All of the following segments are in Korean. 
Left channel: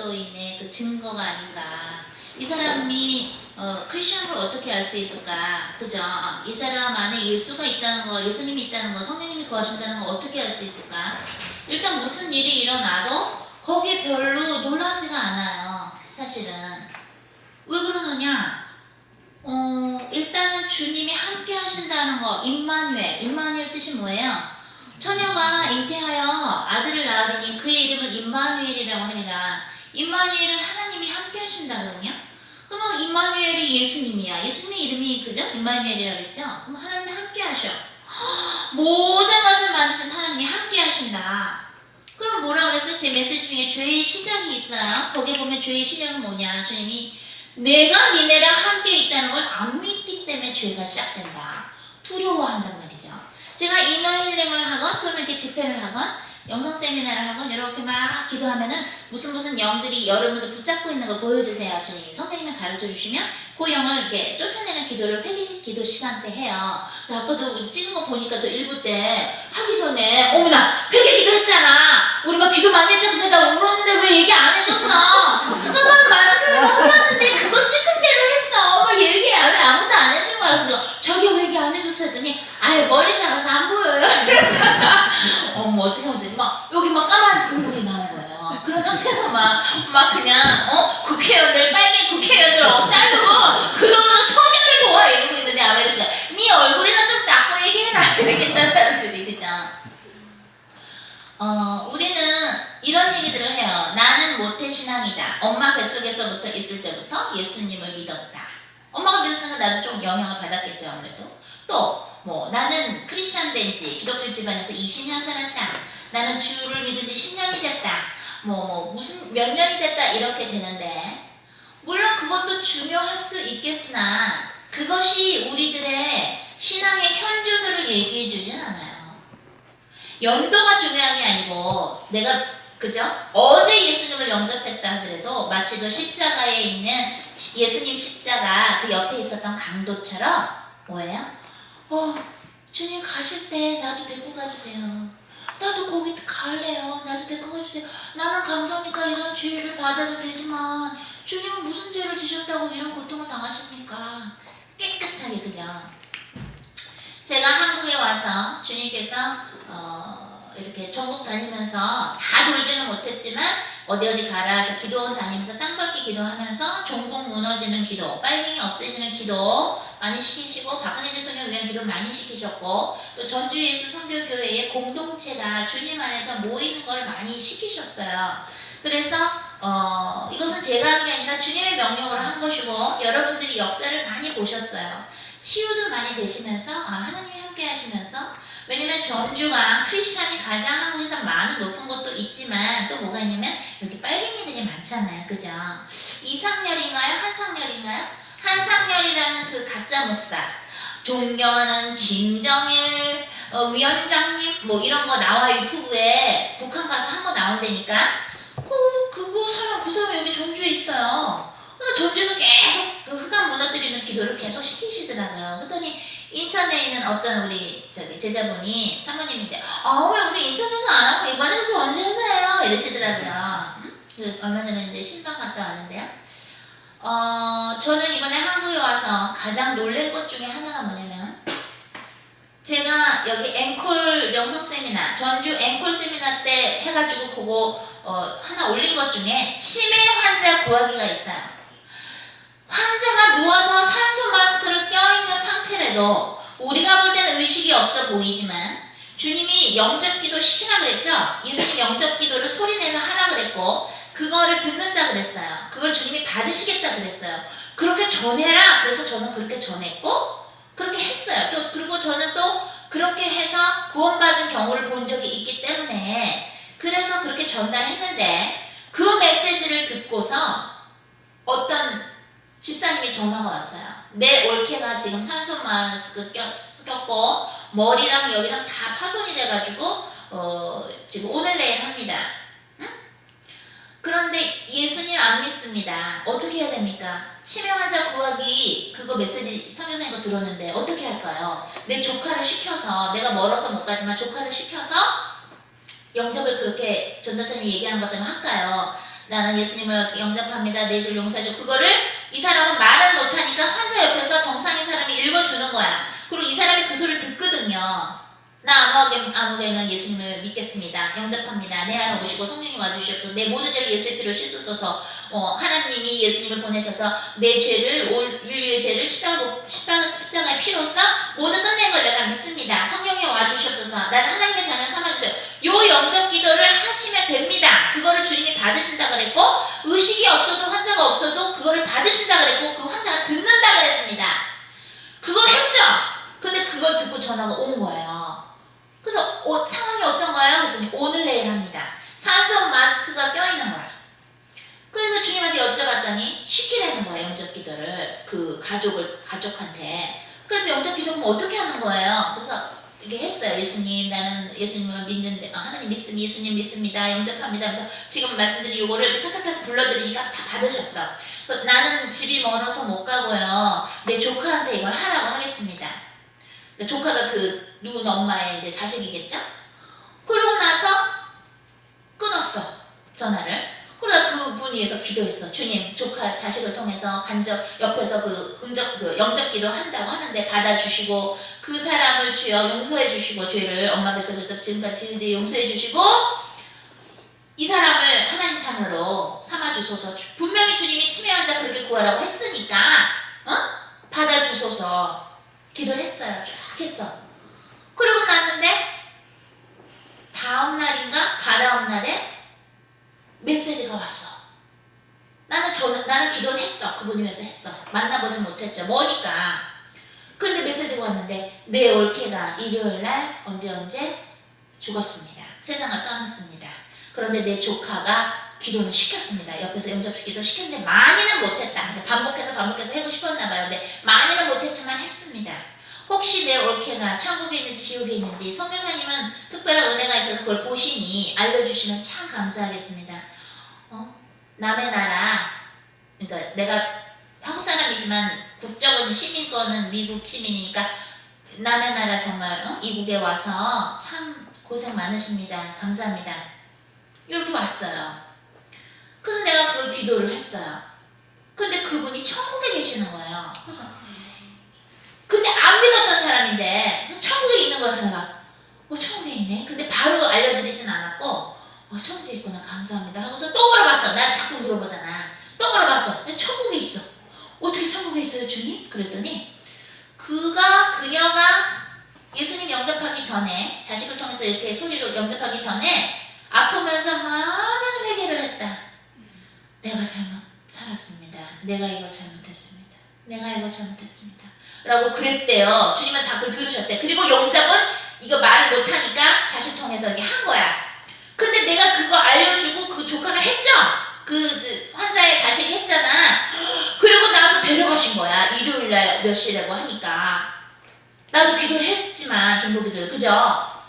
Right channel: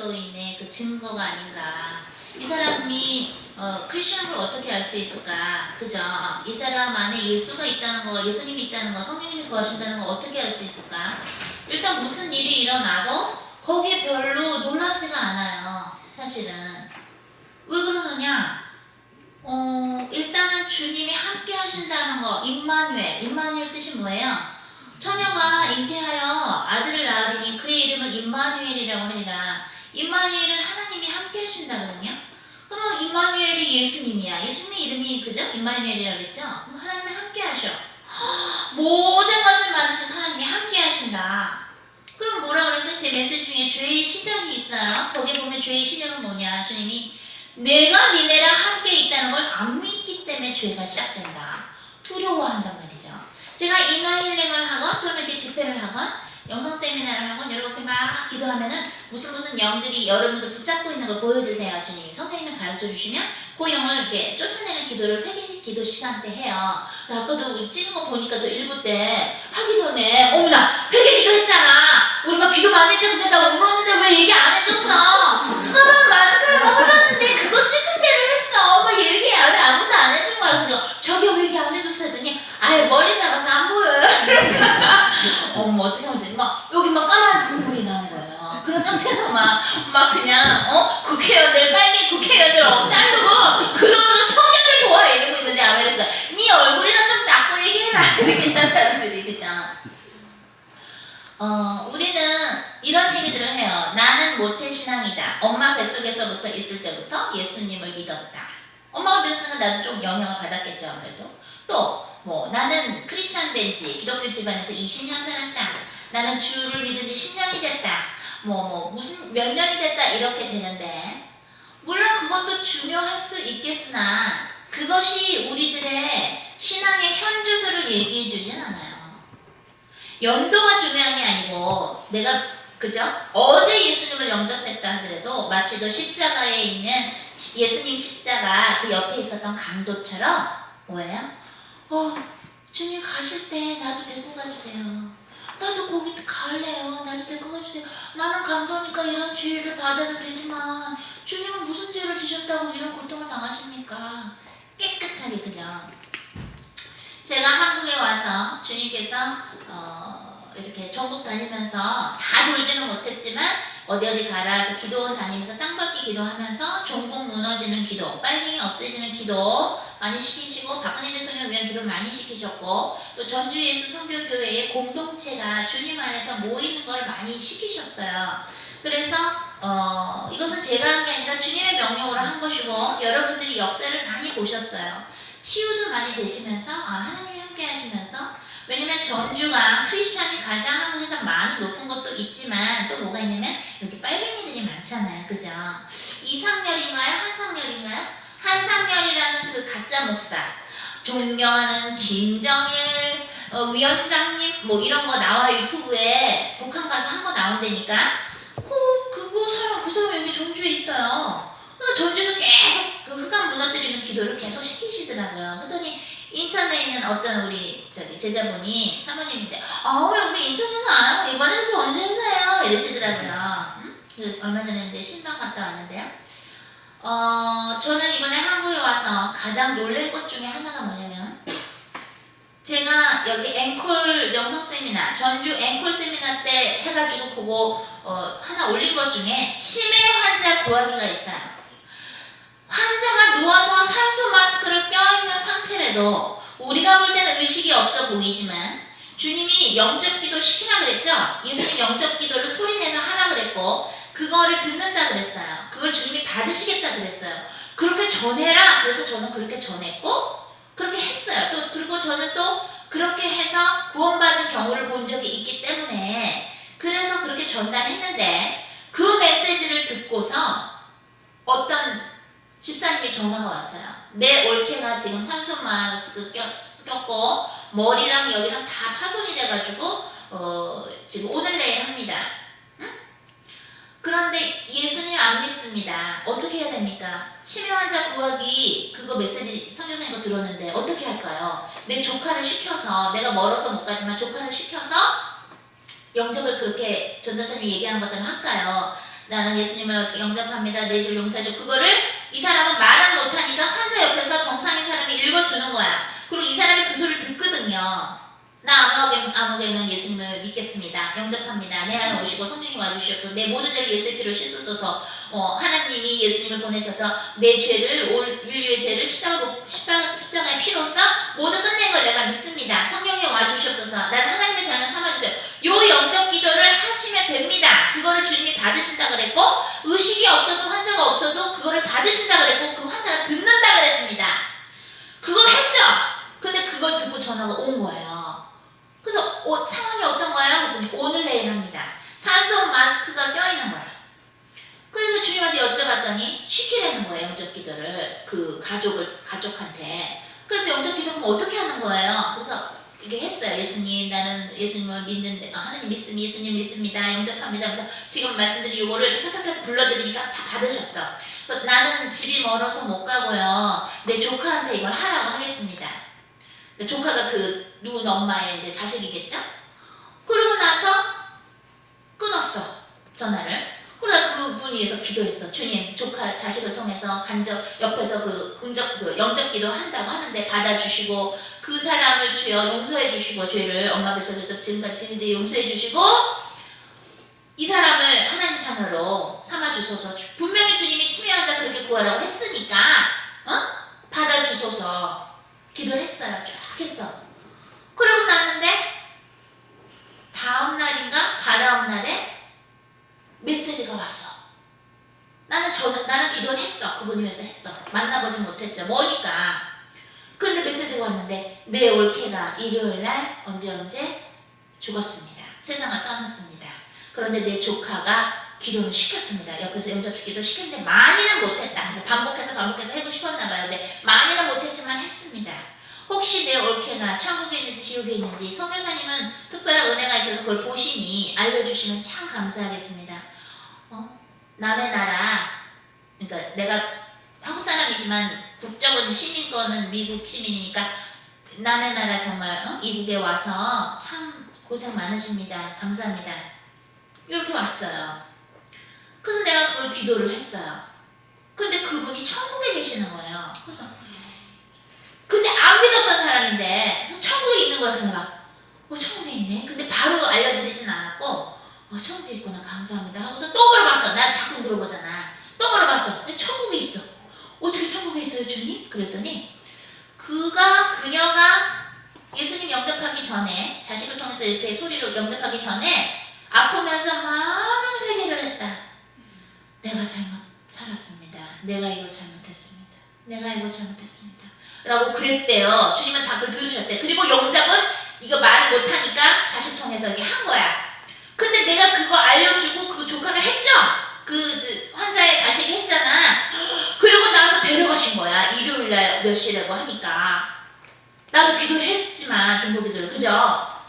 그리스도인의 그 증거가 아닌가. 이 사람이 어, 크리스천을 어떻게 알 수 있을까? 그죠? 이 사람 안에 예수가 있다는 거, 예수님이 있다는 거, 성령님이 거하신다는 거 어떻게 알 수 있을까? 일단 무슨 일이 일어나도 거기에 별로 놀라지가 않아요. 사실은. 왜 그러느냐? 어, 일단은 주님이 함께 하신다는 거, 임마누엘. 임마누엘 뜻이 뭐예요? 처녀가 잉태하여 아들을 낳으리니 그의 이름을 임마누엘이라고 하리라. 임마누엘은 하나님이 함께 하신다거든요. 그러면 임마누엘이 예수님이야. 예수님의 이름이 그죠? 임마누엘이라고 그랬죠? 그럼 하나님이 함께 하셔. 모든 것을 만드신 하나님이 함께 하신다. 그럼 뭐라 그랬어요? 제 메시지 중에 죄의 시작이 있어요. 거기에 보면 죄의 시작은 뭐냐? 주님이 내가 니네랑 함께 있다는 걸 안 믿기 때문에 죄가 시작된다. 두려워한단 말이죠. 제가 이너 힐링을 하건 또는 이렇게 집회를 하건 영성 세미나를 하건 이렇게 막 기도하면은 무슨 무슨 영들이 여러분들 붙잡고 있는 걸 보여주세요. 주님이 성령님이 가르쳐 주시면 그 영을 이렇게 쫓아내는 기도를 회개 기도 시간 때 해요. 자, 아까도 찍은 거 보니까 저 일부 때 하기 전에 어머나 회개 기도 했잖아. 우리 막 기도 많이 했잖아. 근데 나 울었는데 왜 얘기 안 해줬어? 잠깐만 마스크를 막 흘렀는데 그거 찍은 대로 했어. 막 얘기 안 해. 아무도 안 해준 거야. 그래서 저기 왜 얘기 안 해줬어 했더니 아예 머리 작아서 안 보여요. 어머 어떻게 하면 막 여기 막 까만 국물이 나온 거예요. 그런 상태에서 막, 막 그냥, 어? 국회의원들, 빨개 국회의원들 어, 자르고 그 돈으로 청년들 도와 이러고 있는데 아메리카가 네 얼굴이나 좀 닦고 얘기해라. 이렇게 했다 사람들이, 그죠? 어, 우리는 이런 얘기들을 해요. 나는 모태신앙이다. 엄마 뱃속에서부터 있을 때부터 예수님을 믿었다. 엄마가 믿었으니까 나도 좀 영향을 받았겠죠, 아무래도. 또, 뭐, 나는 크리스천 된 지, 기독교 집안에서 20년 살았다. 나는 주를 믿은 지 10년이 됐다. 뭐, 뭐, 무슨, 몇 년이 됐다. 이렇게 되는데, 물론 그것도 중요할 수 있겠으나, 그것이 우리들의 신앙의 현주소를 얘기해 주진 않아요. 연도가 중요한 게 아니고 내가 그죠? 어제 예수님을 영접했다 하더라도 마치 도 십자가에 있는 예수님 십자가 그 옆에 있었던 강도처럼 뭐예요? 어 주님 가실 때 나도 데리고 가주세요. 나도 거기 갈래요. 나도 데리고 가주세요. 나는 강도니까 이런 죄를 받아도 되지만 주님은 무슨 죄를 지셨다고 이런 고통을 당하십니까? 깨끗하게 그죠? 제가 한국에 와서 주님께서 어, 이렇게 전국 다니면서 다 돌지는 못했지만 어디 어디 가라 저 기도원 다니면서 땅받기 기도하면서 종국 무너지는 기도 빨갱이 없애지는 기도 많이 시키시고 박근혜 대통령 위한 기도 많이 시키셨고 또 전주 예수 선교교회의 공동체가 주님 안에서 모이는 걸 많이 시키셨어요. 그래서 어, 이것은 제가 한 게 아니라 주님의 명령으로 한 것이고 여러분들이 역사를 많이 보셨어요. 치유도 많이 되시면서 아, 하나님이 함께 하시면서 왜냐면 전주가 크리스찬이 가장 한국에서 많은 높은 것도 있지만 또 뭐가 있냐면 여기 빨갱이들이 많잖아요. 그죠? 이상열인가요? 한상열인가요? 한상열이라는 그 가짜 목사 존경하는 김정일 어, 위원장님 뭐 이런 거 나와 유튜브에 북한 가서 한 거 나온다니까 그, 그거 사람 그 사람 여기 전주에 있어요. 그러니까 전주에서 계속 그 흑암 무너뜨리는 기도를 계속 시키시더라고요. 그랬더니 인천에 있는 어떤 우리 저기 제자분이 사모님인데 아왜 우리 인천에서 안 하고 이번에는 전주에서 해요 이러시더라고요. 음? 그 얼마 전에 이제 신방 갔다 왔는데요. 어 저는 이번에 한국에 와서 가장 놀란 것 중에 하나가 뭐냐면 제가 여기 앵콜 영성 세미나 전주 앵콜 세미나 때 해가지고 그거 어, 하나 올린 것 중에 치매 환자 구하기가 있어요. 환자가 누워서 산소 마스크를 껴있는 상태라도 우리가 볼 때는 의식이 없어 보이지만 주님이 영접 기도 시키라 그랬죠? 예수님 영접 기도를 소리내서 하라 그랬고 그거를 듣는다 그랬어요. 그걸 주님이 받으시겠다 그랬어요. 그렇게 전해라. 그래서 저는 그렇게 전했고 그렇게 했어요. 또 그리고 저는 또 그렇게 해서 구원받은 경우를 본 적이 있기 때문에 그래서 그렇게 전달했는데 그 메시지를 듣고서 어떤 집사님이 전화가 왔어요. 내 올케가 지금 산소 마스크 꼈고 머리랑 여기랑 다 파손이 돼가지고 어, 지금 오늘 내일 합니다. 응? 그런데 예수님 안 믿습니다. 어떻게 해야 됩니까? 치매 환자 구하기 그거 메시지 선교사님 거 들었는데 어떻게 할까요? 내 조카를 시켜서 내가 멀어서 못 가지만 조카를 시켜서 영접을 그렇게 전도사님이 얘기하는 것처럼 할까요? 나는 예수님을 영접합니다. 내 죄를 용서해줘. 그거를 이 사람은 말은 못하니까 환자 옆에서 정상인 사람이 읽어주는 거야. 그리고 이 사람이 그 소리를 듣거든요. 나 아무개, 아무개는 예수님을 믿겠습니다. 영접합니다. 내 안에 오시고 성령이 와주시옵소서. 내 모든 죄를 예수의 피로 씻으소서. 어, 하나님이 예수님을 보내셔서 내 죄를 올 인류의 죄를 십자가, 십자가, 십자가의 피로써 모두 끝낸 걸 내가 믿습니다. 성령이 와주시옵소서. 나를 하나님의 자녀 삼아주세요. 요 영접 기도를 하시면 됩니다. 그거를 주님이 받으신다 그랬고 의식이 없어도 환자가 없어도 그거를 받으신다 그랬고 그 환자가 듣는다 그랬습니다. 그거 했죠. 근데 그걸 듣고 전화가 온 거예요. 그래서 어, 상황이 어떤가요? 그랬더니 오늘 내일 합니다. 산소 마스크가 껴있는 거야. 그래서 주님한테 여쭤봤더니 시키라는 거예요. 영접 기도를 그 가족을 가족한테. 그래서 영접 기도 그럼 어떻게 하는 거예요? 그래서 이렇게 했어요. 예수님 나는 예수님을 믿는데 아, 하나님 믿음 예수님 믿습니다. 영접합니다. 그래서 지금 말씀드린 요거를 타타타 불러드리니까 다 받으셨어. 그래서 나는 집이 멀어서 못 가고요. 내 조카한테 이걸 하라고 하겠습니다. 그 조카가 그 누군 엄마의 이제 자식이겠죠? 그러고 나서 끊었어 전화를. 그러다 그분 위해서 기도했어. 주님, 조카 자식을 통해서 간접 옆에서 그 은적 그 영접 기도 한다고 하는데 받아주시고 그 사람을 주여 용서해 주시고 죄를 엄마 뱃속에서 지금까지 지은데 용서해 주시고 이 사람을 하나님 자녀로 삼아 주소서. 분명히 주님이 치매 환자 그렇게 구하라고 했으니까 어? 받아 주소서. 기도를 했어요. 쫙 했어. 그러고 났는데 다음 날인가 다다음 날에 메시지가 왔어. 나는 저 나는 기도를 했어. 그분 위해서 했어. 만나보지 못했죠. 뭐니까. 근데 메시지가 왔는데 내 올케가 일요일 날 언제 언제 죽었습니다. 세상을 떠났습니다. 그런데 내 조카가 기도는 시켰습니다. 옆에서 영접시기도 시켰는데 많이는 못했다. 근데 반복해서 반복해서 하고 싶었나 봐요. 근데 많이는 못했지만 했습니다. 혹시 내 올케가 천국에 있는지 지옥에 있는지 성교사님은 특별한 은혜가 있어서 그걸 보시니 알려주시면 참 감사하겠습니다. 어? 남의 나라, 그러니까 내가 한국 사람이지만 국적은 시민권은 미국 시민이니까 남의 나라 정말 어? 이국에 와서 참 고생 많으십니다. 감사합니다. 이렇게 왔어요. 그래서 내가 그걸 기도를 했어요. 근데 그분이 천국에 계시는 거예요. 그래서 근데 안 믿었던 사람인데 천국에 있는 거여서 내가 어 천국에 있네. 근데 바로 알려드리진 않았고 어 천국에 있구나 감사합니다 하고서 또 물어봤어. 난 자꾸 물어보잖아. 또 물어봤어. 천국에 있어. 어떻게 천국에 있어요 주님? 그랬더니 그가 그녀가 예수님 영접하기 전에 자식을 통해서 이렇게 소리로 영접하기 전에 아프면서 많은 회개를 했다. 내가 잘못 살았습니다. 내가 이걸 잘못했습니다. 내가 이걸 잘못했습니다. 라고 그랬대요. 주님은 답을 들으셨대. 그리고 영접은 이거 말을 못하니까 자식 통해서 이렇게 한 거야. 근데 내가 그거 알려주고 그 조카가 했죠? 그 환자의 자식이 했잖아. 그리고 나서 데려가신 거야. 일요일 날 몇 시라고 하니까. 나도 기도를 했지만 중보 기도를 그죠?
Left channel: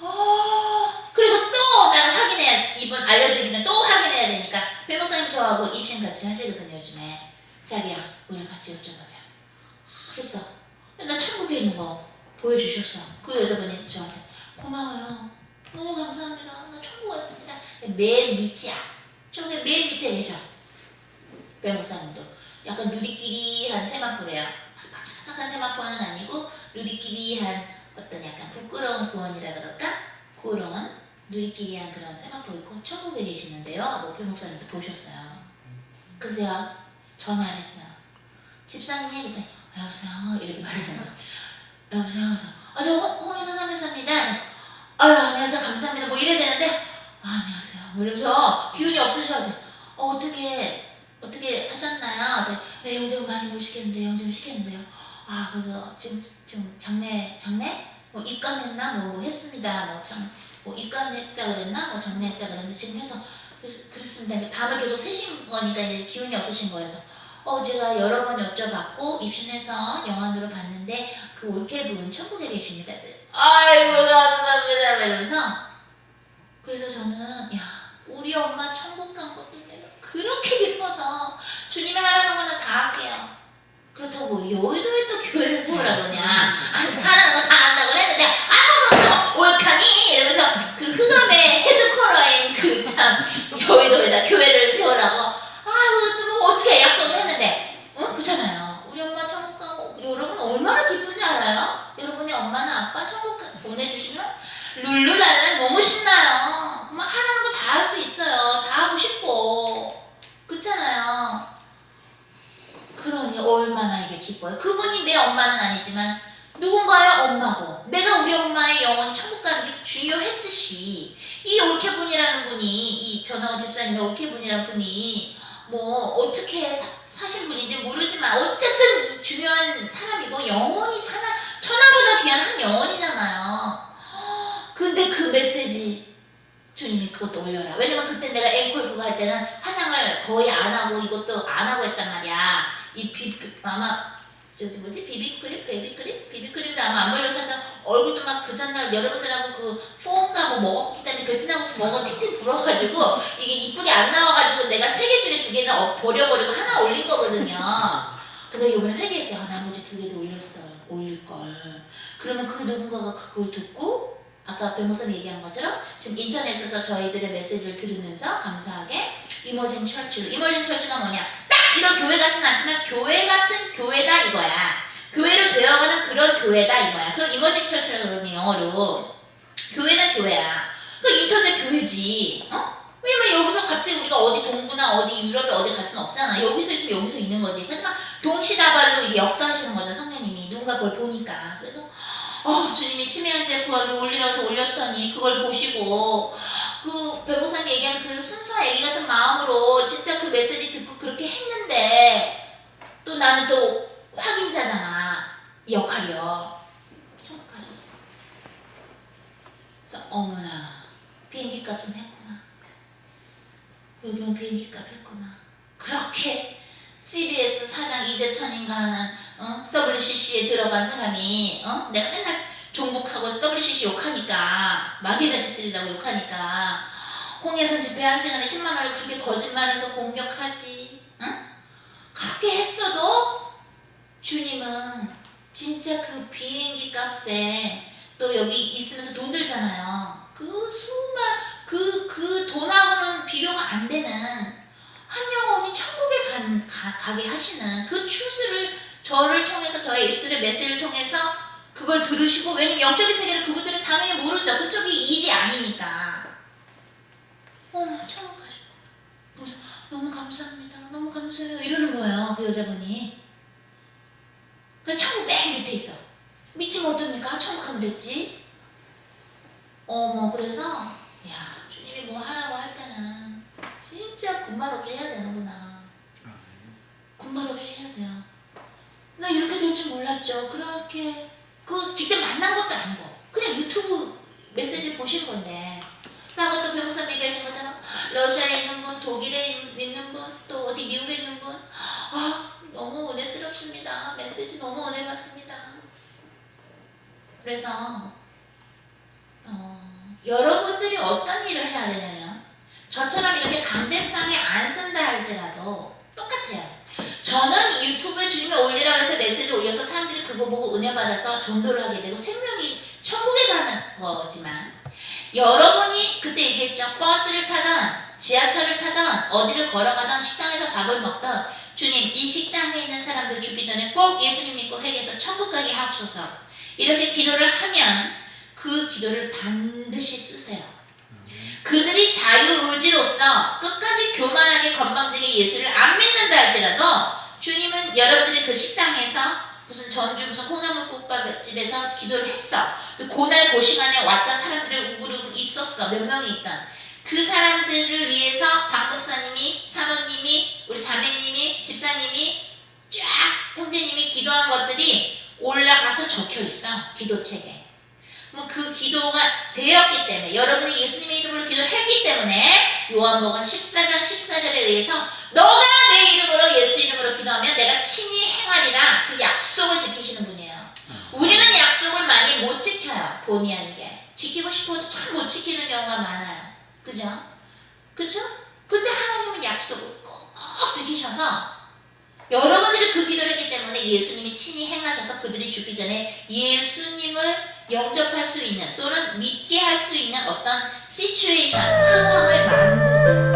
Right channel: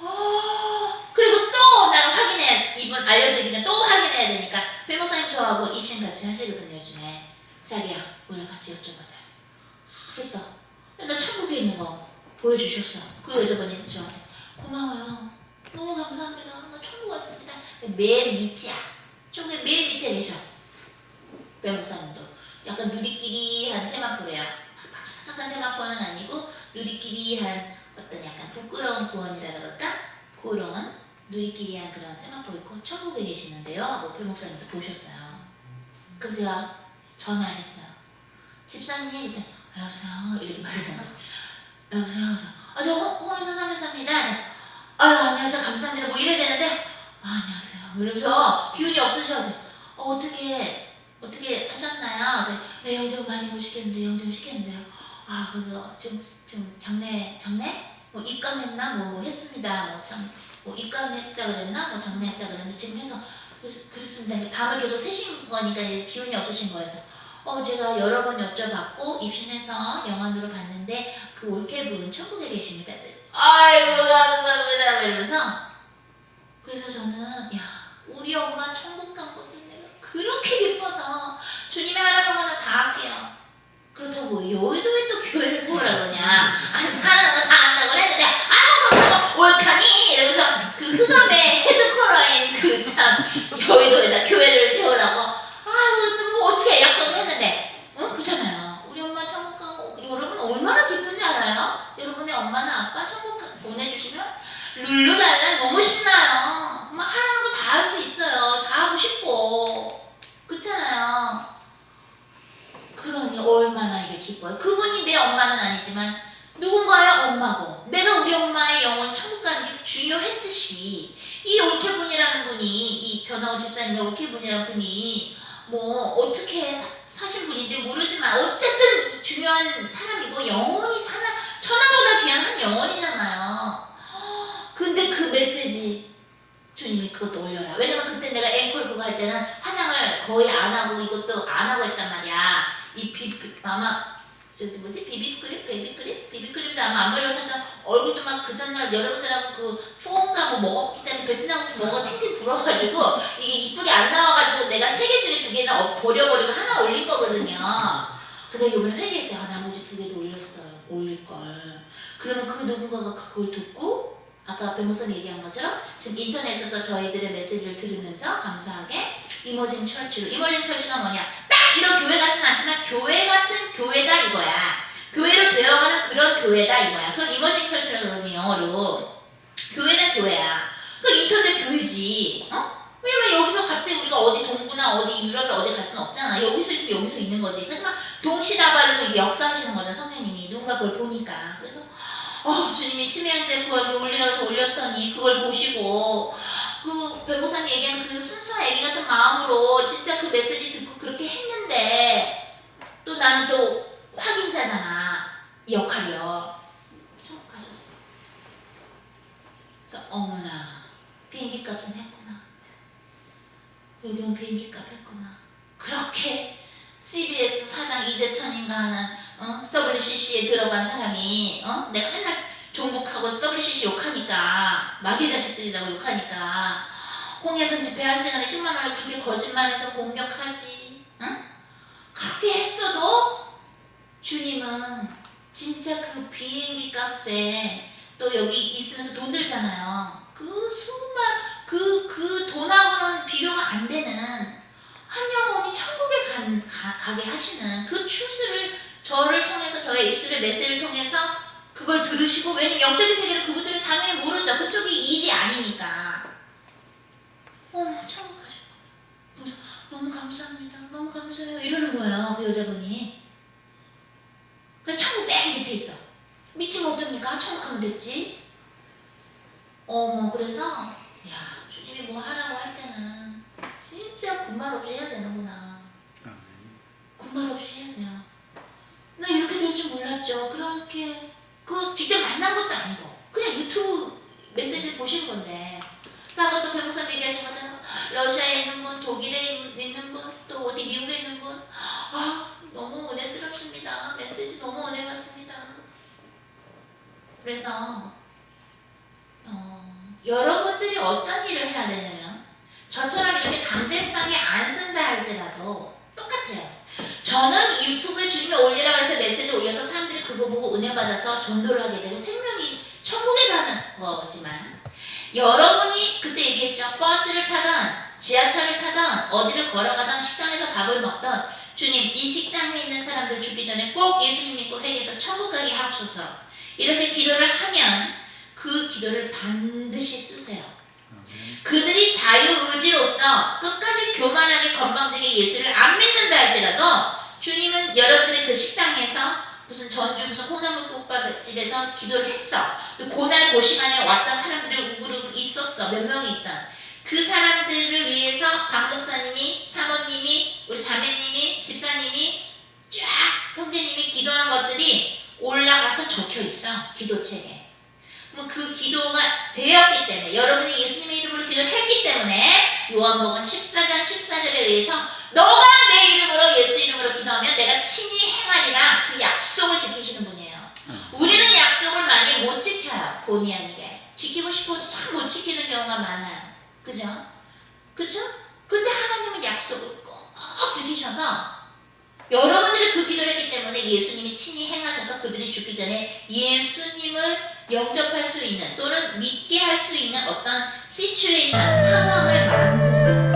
어, 그래서 또 나를 확인해 이분 알려드리기는 또 확인해야 되니까 배목사님 저하고 입신 같이 하시거든요 요즘에. 자기야 우리 같이 여쭤보자. 했어. 나 천국에 있는 거 보여주셨어. 그 여자분이 저한테 고마워요. 너무 감사합니다. 나 천국 왔습니다. 맨 밑이야. 저기 맨 밑에 계셔. 배목사님도. 약간 누리끼리한 세마포래요. 바짝바짝한 세마포는 아니고 누리끼리한 어떤 약간 부끄러운 구원이라 그럴까? 그런 누리끼리 한 그런 세마포 있고 천국에 계시는데요. 목표 목사님도 보셨어요. 그래서 전화를 했어요. 집사님 그때 여보세요 이렇게 받으잖아요. 여보세요. 그래서 아 저 홍해서 삼일사입니다. 아 안녕하세요 감사합니다. 뭐 이래야 되는데 아, 안녕하세요. 뭐 이러면서 기운이 없으셔도 어, 어떻게 어떻게 하셨나요? 네, 영접 많이 못 시켰는데 영접 시켰는데요. 아 그래서 지금 지금 장례 장례 뭐 입관했나 뭐, 뭐 했습니다. 뭐참 뭐 입관했다 그랬나 뭐 장례했다 그랬는데 지금 해서 그랬, 그랬습니다. 밤을 계속 새신 거니까 이제 기운이 없으신 거여서 어 제가 여러 번 여쭤봤고 입신해서 영안으로 봤는데 그 올케분 천국에 계십니다. 아이고 감사합니다. 막 이러면서 그래서 저는 야 우리 엄마 천국 간 것도 내가 그렇게 기뻐서 주님이 하라는 거는 다 할게요. 그렇다고 뭐 여의도에 또 교회를 세우라 그러냐 아, 하라는 거 다 한다고 했는데 아유 그렇다고 옳카니 이러면서 그 흑암의 헤드쿼터 싶고 그렇잖아요. 그러니 얼마나 이게 기뻐요. 그분이 내 엄마는 아니지만 누군가의 엄마고 내가 우리 엄마의 영혼이 천국 가는 게 중요했듯이 이 올케분이라는 분이 이 전하원 집사님의 올케분이라는 분이 뭐 어떻게 사, 사신 분인지 모르지만 어쨌든 이 중요한 사람이고 영혼이 하나 천하보다 귀한 한 영혼이잖아요. 근데 그 메시지 주님이 그것도 올려라. 왜냐면 그때 내가 앵콜 그거 할 때는 화장을 거의 안 하고 이것도 안 하고 했단 말이야. 이 비, 비- 아마 저기 뭐지 비비크림, 베이비크림, 비비크림도 아마 안 발려서 하여튼 얼굴도 막 그 전날 여러분들하고 그 퐁가 뭐 먹었기 때문에 베트남 음식 먹어 팅팅 불어가지고 이게 이쁘게 안 나와가지고 내가 세 개 중에 두 개는 어- 버려버리고 하나 올린 거거든요. 근데 이번에 회개했어요. 아, 나머지 두 개도 올렸어요. 올릴 걸. 그러면 그 누군가가 그걸 듣고 아까 변호사님 얘기한 것처럼 지금 인터넷에서 저희들의 메시지를 들으면서 감사하게 이머징 철치로 이머징 철치가 뭐냐 딱 이런 교회 같진 않지만 교회 같은 교회다 이거야. 교회로 되어가는 그런 교회다 이거야. 그럼 이머징 철치라 그러는 영어로 교회는 교회야. 그 인터넷 교회지. 어? 왜냐면 여기서 갑자기 우리가 어디 동부나 어디 유럽에 어디 갈 수는 없잖아. 여기서 있으면 여기서 있는 거지. 하지만 동시다발로 이게 역사하시는 거죠 성령님이. 누군가 그걸 보니까. 그래서 어, 주님이 치매한제 구하기 올리라고 해서 올렸더니 그걸 보시고 그 변호사님 얘기하는 그 순수한 애기 같은 마음으로 진짜 그 메시지 듣고 나는 또 확인자잖아 이 역할이요 천국 가셨어 그래서 어머나 비행기 값은 했구나 여기는 비행기 값 했구나 그렇게 CBS 사장 이재천인가 하는 어? WCC에 들어간 사람이 어? 내가 맨날 종북하고 WCC 욕하니까 마귀 자식들이라고 욕하니까 홍해선 집회 한 시간에 10만 원을 그렇게 거짓말해서 공격하지 응? 그렇게 했어도 주님은 진짜 그 비행기 값에 또 여기 있으면서 돈 들잖아요 그 수만 그 그 돈하고는 비교가 안 되는 한 영혼이 천국에 간- 가, 가게 하시는 그 추수를 저를 통해서 저의 입술의 메시지를 통해서 그걸 들으시고 왜냐면 영적인 세계를 그분들은 당연히 모르죠. 그쪽이 일이 아니니까. 어머 천국 너무 감사합니다. 너무 감사해요. 이러는 거예요. 그 여자분이. 그 천국 맨 밑에 있어. 미치면 어떡합니까? 천국 가면 됐지. 어머 그래서 야 주님이 뭐 하라고 할 때는 진짜 군말 없이 해야 되는구나. 군말 없이 해야 돼요. 나 이렇게 될 줄 몰랐죠. 그렇게 그 직접 만난 것도 아니고 그냥 유튜브 메시지 보신 건데. 변호사 얘기하신 것처럼 러시아에 있는 분, 독일에 있는 분, 또 어디 미국에 있는 분, 아 너무 은혜스럽습니다. 메시지 너무 은혜 받습니다. 그래서 어, 여러분들이 어떤 일을 해야 되냐면 저처럼 이렇게 강대상에 안 쓴다 할지라도 똑같아요. 저는 유튜브에 주님이 올리라고 해서 메시지 올려서 사람들이 그거 보고 은혜 받아서 전도를 하게 되고 생명이 천국에 가는 거지만 여러분이 그때 얘기했죠. 버스를 타던 지하철을 타던 어디를 걸어가던 식당에서 밥을 먹던 주님 이 식당에 있는 사람들 죽기 전에 꼭 예수님 믿고 회개해서 천국 가게 하옵소서 이렇게 기도를 하면 그 기도를 반드시 쓰세요. 그들이 자유의지로서 끝까지 교만하게 건방지게 예수를 안 믿는다 할지라도 주님은 여러분들이 그 식당에서 무슨 전주 무슨 콩나물국밥집에서 기도를 했어. 또 고날 그 시간에 왔던 사람들의 우그룹 있었어. 몇 명이 있던. 그 사람들을 위해서 박 목사님이 사모님이 우리 자매님이 집사님이 쫙 형제님이 기도한 것들이 올라가서 적혀 있어. 기도책에. 뭐그 기도가 되었기 때문에 여러분이 예수님의 이름으로 기도를 했기 때문에 요한복음 14장 14절에 의해서 너가 내 이름으로 예수 이름으로 기도하면 내가 친히 행하리라 그 약속을 지키시는 분이에요. 우리는 약속을 많이 못 지켜요. 본의 아니게. 지키고 싶어도 잘못 지키는 경우가 많아요. 그죠? 그죠? 근데 하나님은 약속을 꼭 지키셔서 여러분들이 그 기도를 했기 때문에 예수님이 친히 행하셔서 그들이 죽기 전에 예수님을 영접할 수 있는 또는 믿게 할 수 있는 어떤 시츄에이션, 상황을